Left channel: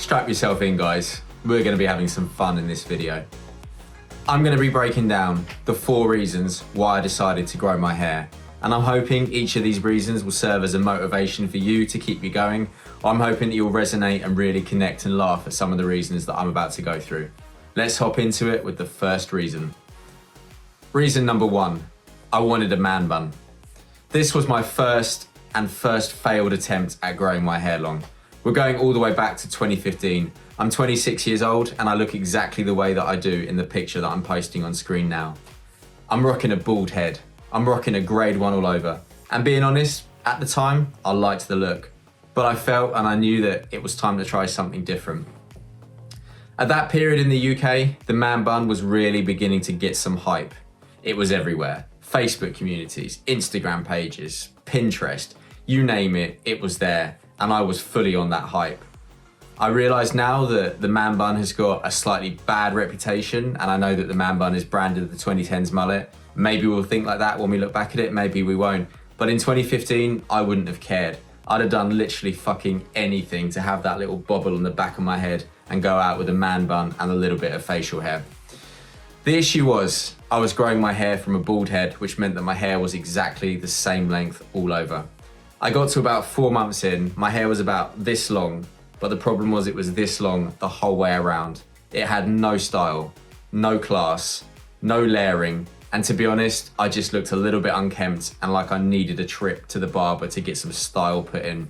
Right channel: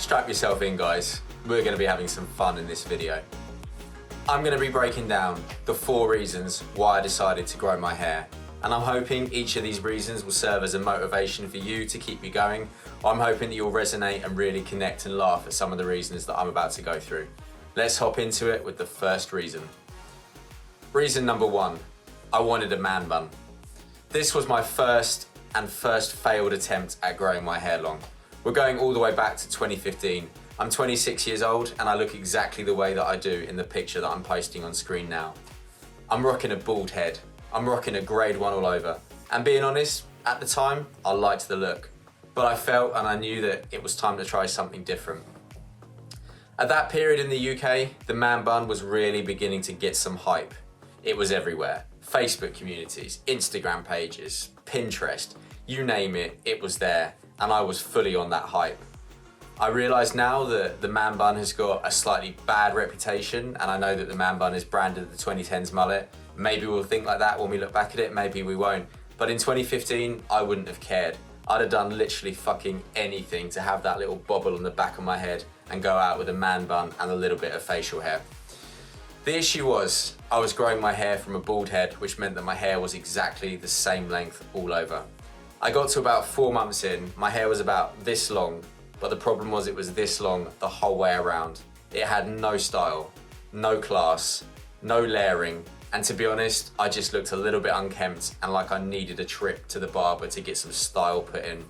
Strap yourself in, guys. We're going to be having some fun in this video. I'm going to be breaking down the 4 reasons why I decided to grow my hair. And I'm hoping each of these reasons will serve as a motivation for you to keep you going. I'm hoping that you'll resonate and really connect and laugh at some of the reasons that I'm about to go through. Let's hop into it with the first reason. Reason number 1, I wanted a man bun. This was my first failed attempt at growing my hair long. We're going all the way back to 2015. I'm 26 years old and I look exactly the way that I do in the picture that I'm posting on screen now. I'm rocking a bald head. I'm rocking a grade 1 all over. And being honest, at the time, I liked the look. But I felt and I knew that it was time to try something different. At that period in the UK, the man bun was really beginning to get some hype. It was everywhere. Facebook communities, Instagram pages, Pinterest, you name it, it was there. And I was fully on that hype. I realise now that the man bun has got a slightly bad reputation, and I know that the man bun is branded the 2010s mullet. Maybe we'll think like that when we look back at it, maybe we won't. But in 2015, I wouldn't have cared. I'd have done literally fucking anything to have that little bobble on the back of my head and go out with a man bun and a little bit of facial hair. The issue was, I was growing my hair from a bald head, which meant that my hair was exactly the same length all over. I got to about 4 months in, my hair was about this long, but the problem was it was this long the whole way around. It had no style, no class, no layering, and to be honest, I just looked a little bit unkempt and like I needed a trip to the barber to get some style put in.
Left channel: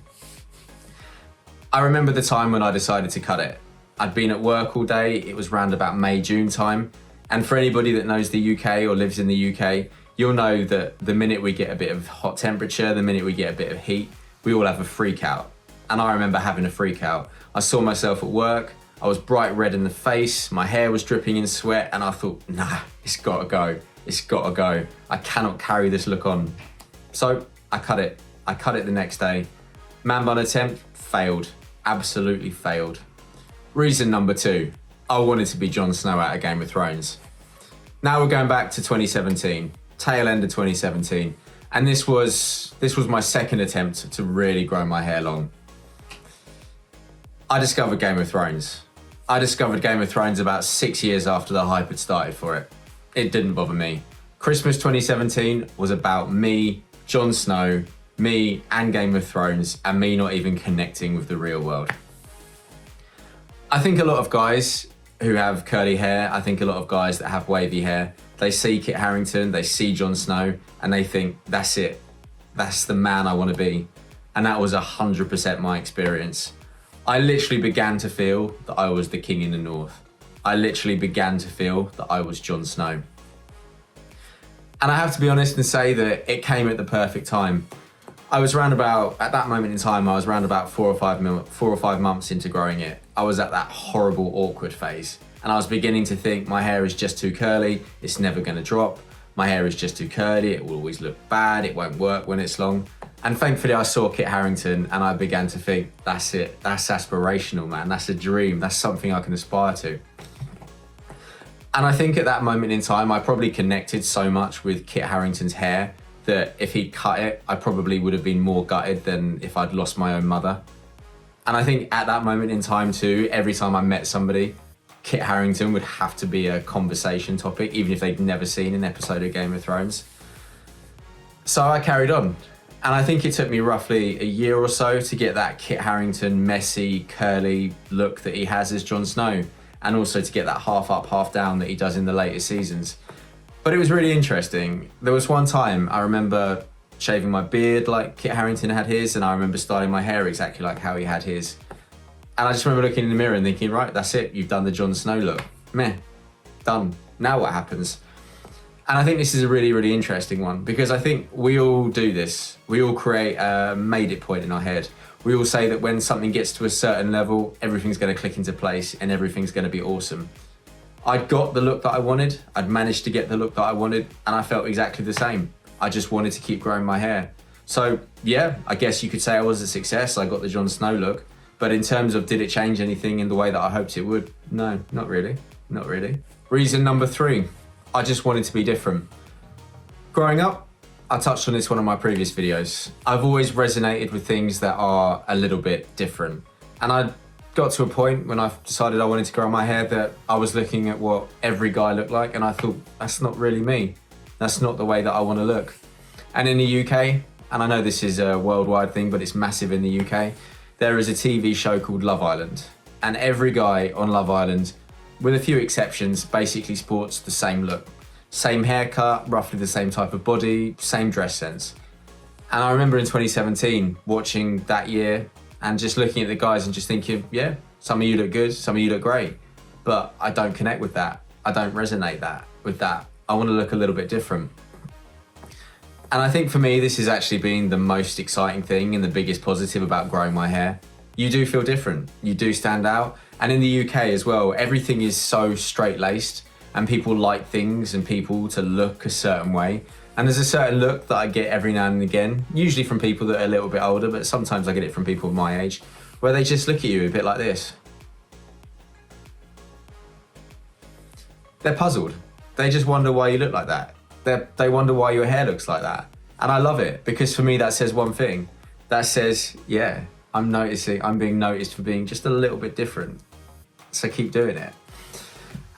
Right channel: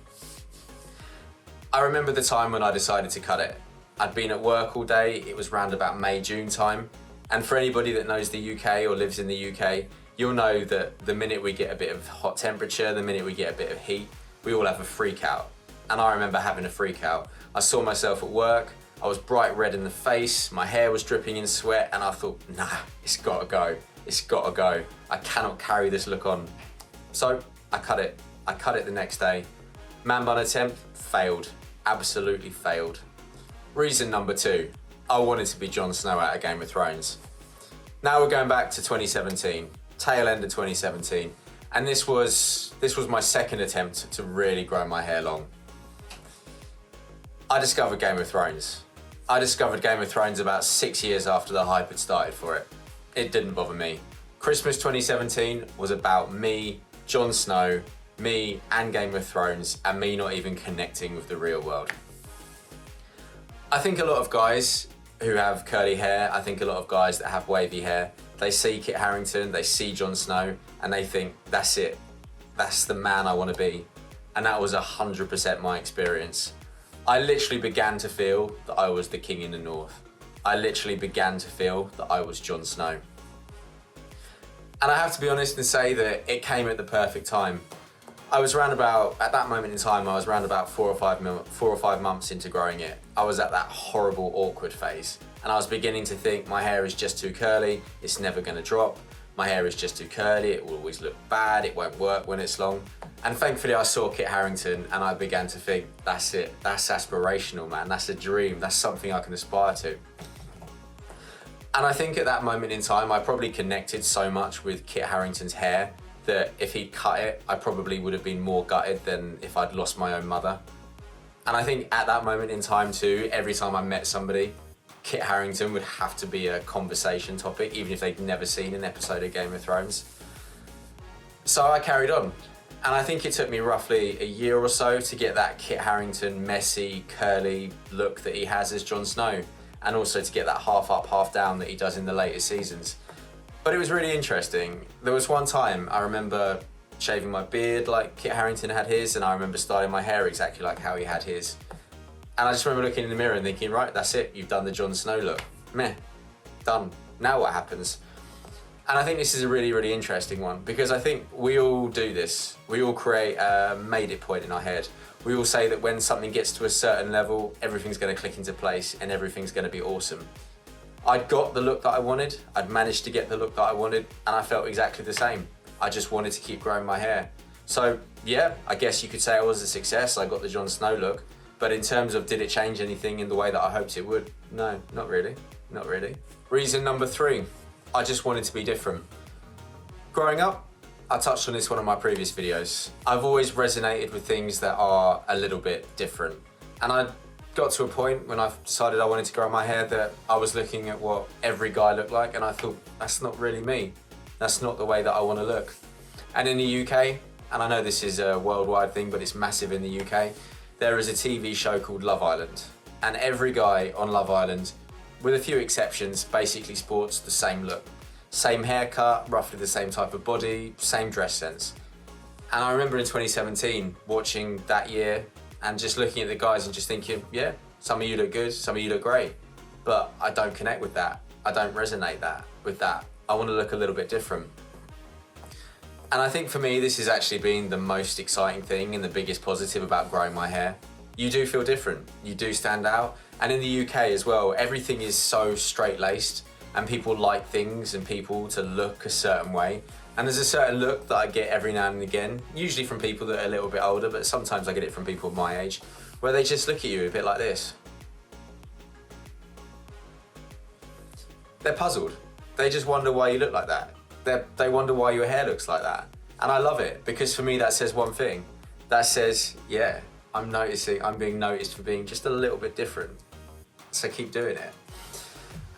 I remember the time when I decided to cut it. I'd been at work all day, it was round about May, June time, and for anybody that knows the UK or lives in the UK, you'll know that the minute we get a bit of hot temperature, the minute we get a bit of heat, we all have a freak out. And I remember having a freak out. I saw myself at work, I was bright red in the face, my hair was dripping in sweat, and I thought, nah, it's gotta go. It's gotta go. I cannot carry this look on. So I cut it. I cut it the next day. Man bun attempt, failed. Absolutely failed. Reason number 2, I wanted to be Jon Snow out of Game of Thrones. Now we're going back to 2017, tail end of 2017. And this was my second attempt to really grow my hair long. I discovered Game of Thrones. I discovered Game of Thrones about 6 years after the hype had started for it. It didn't bother me. Christmas 2017 was about me, Jon Snow, me and Game of Thrones, and me not even connecting with the real world. I think a lot of guys who have curly hair, I think a lot of guys that have wavy hair, they see Kit Harington, they see Jon Snow, and they think, that's it. That's the man I want to be. And that was 100% my experience. I literally began to feel that I was the king in the north. I literally began to feel that I was Jon Snow. And I have to be honest and say that it came at the perfect time. I was round about, at that moment in time, I was round about 4 or 5 months into growing it. I was at that horrible, awkward phase. And I was beginning to think my hair is just too curly, it's never gonna drop. My hair is just too curly, it will always look bad, it won't work when it's long. And thankfully I saw Kit Harington and I began to think, that's it, that's aspirational, man, that's a dream, that's something I can aspire to. And I think at that moment in time, I probably connected so much with Kit Harington's hair that if he'd cut it, I probably would have been more gutted than if I'd lost my own mother. And I think at that moment in time too, every time I met somebody, Kit Harington would have to be a conversation topic, even if they'd never seen an episode of Game of Thrones. So I carried on. And I think it took me roughly a year or so to get that Kit Harington messy, curly look that he has as Jon Snow, and also to get that half up, half down that he does in the later seasons. But it was really interesting. There was one time I remember shaving my beard like Kit Harington had his, and I remember styling my hair exactly like how he had his. And I just remember looking in the mirror and thinking, right, that's it, you've done the Jon Snow look. Meh, done. Now what happens? And I think this is a really, really interesting one because I think we all do this. We all create a made it point in our head. We all say that when something gets to a certain level, everything's going to click into place and everything's going to be awesome. I got the look that I wanted. I'd managed to get the look that I wanted and I felt exactly the same. I just wanted to keep growing my hair. So yeah, I guess you could say I was a success. I got the Jon Snow look. But in terms of did it change anything in the way that I hoped it would? No, not really. Not really. Reason number 3. I just wanted to be different. Growing up, I touched on this in one of my previous videos. I've always resonated with things that are a little bit different. And got to a point when I decided I wanted to grow my hair that I was looking at what every guy looked like, and I thought, that's not really me. That's not the way that I want to look. And in the UK, and I know this is a worldwide thing, but it's massive in the UK, there is a TV show called Love Island. And every guy on Love Island, with a few exceptions, basically sports the same look. Same haircut, roughly the same type of body, same dress sense. And I remember in 2017 watching that year and just looking at the guys and just thinking, yeah, some of you look good, some of you look great, but I don't connect with that. I don't resonate with that. I want to look a little bit different. And I think for me, this has actually been the most exciting thing and the biggest positive about growing my hair. You do feel different, you do stand out. And in the UK as well, everything is so straight-laced and people like things and people to look a certain way. And there's a certain look that I get every now and again, usually from people that are a little bit older, but sometimes I get it from people of my age, where they just look at you a bit like this. They're puzzled. They just wonder why you look like that. They wonder why your hair looks like that. And I love it, because for me that says one thing. That says, yeah, I'm being noticed for being just a little bit different. So keep doing it.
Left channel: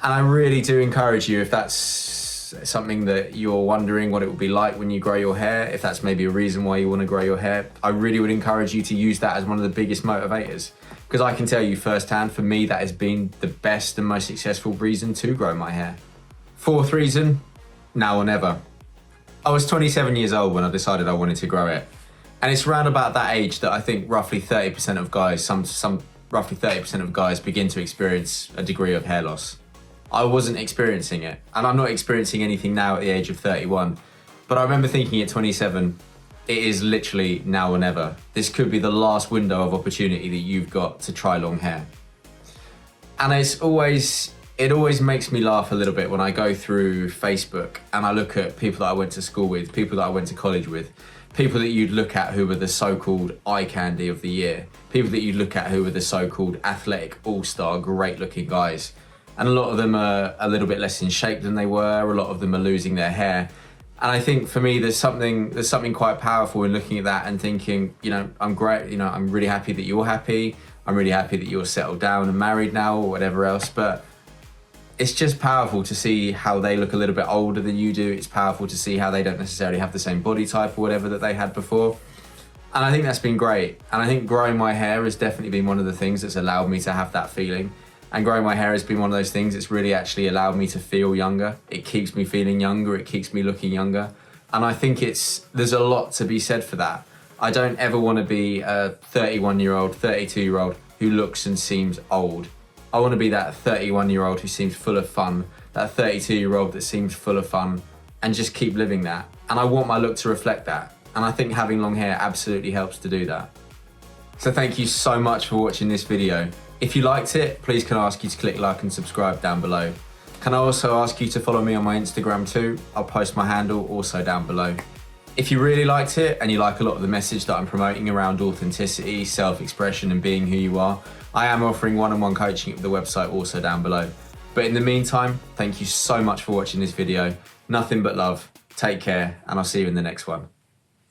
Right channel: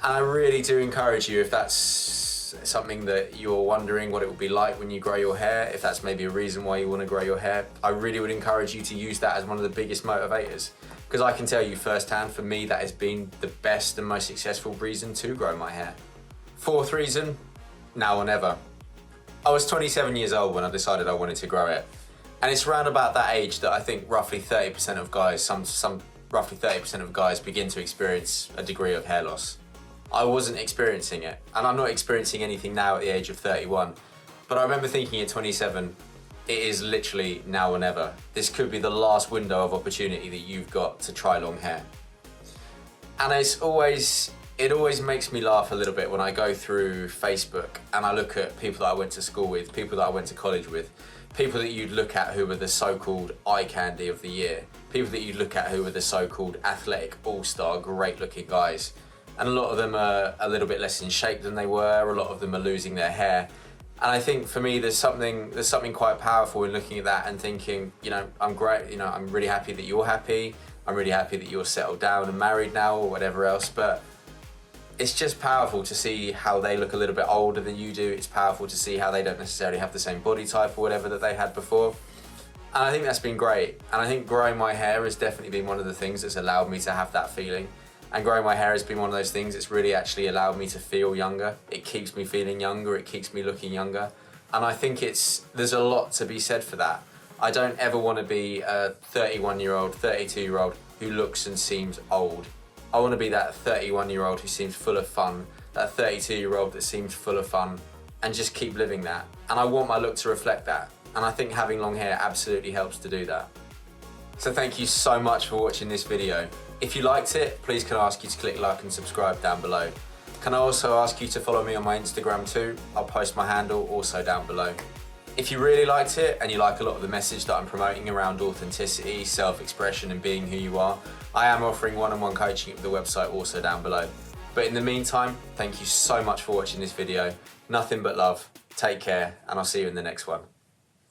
And I really do encourage you, if that's something that you're wondering what it will be like when you grow your hair, if that's maybe a reason why you want to grow your hair, I really would encourage you to use that as one of the biggest motivators. Because I can tell you firsthand, for me, that has been the best and most successful reason to grow my hair. Fourth reason, now or never. I was 27 years old when I decided I wanted to grow it. And it's around about that age that I think roughly 30% of guys, roughly 30% of guys begin to experience a degree of hair loss. I wasn't experiencing it, and I'm not experiencing anything now at the age of 31. But I remember thinking at 27, it is literally now or never. This could be the last window of opportunity that you've got to try long hair. And it always makes me laugh a little bit when I go through Facebook and I look at people that I went to school with, people that I went to college with, people that you'd look at who were the so-called eye candy of the year, people that you'd look at who were the so-called athletic all-star, great-looking guys. And a lot of them are a little bit less in shape than they were. A lot of them are losing their hair. And I think for me, there's something quite powerful in looking at that and thinking, you know, I'm great. You know, I'm really happy that you're happy. I'm really happy that you're settled down and married now or whatever else. But it's just powerful to see how they look a little bit older than you do. It's powerful to see how they don't necessarily have the same body type or whatever that they had before. And I think that's been great. And I think growing my hair has definitely been one of the things that's allowed me to have that feeling. And growing my hair has been one of those things that's really actually allowed me to feel younger. It keeps me feeling younger, it keeps me looking younger. And I think there's a lot to be said for that. I don't ever want to be a 31-year-old, 32-year-old who looks and seems old. I want to be that 31-year-old who seems full of fun, that 32-year-old that seems full of fun, and just keep living that. And I want my look to reflect that. And I think having long hair absolutely helps to do that. So thank you so much for watching this video. If you liked it, please can I ask you to click like and subscribe down below. Can I also ask you to follow me on my Instagram too? I'll post my handle also down below. If you really liked it and you like a lot of the message that I'm promoting around authenticity, self-expression and being who you are, I am offering one-on-one coaching at the website also down below. But in the meantime, thank you so much for watching this video. Nothing but love. Take care, and I'll see you in the next one.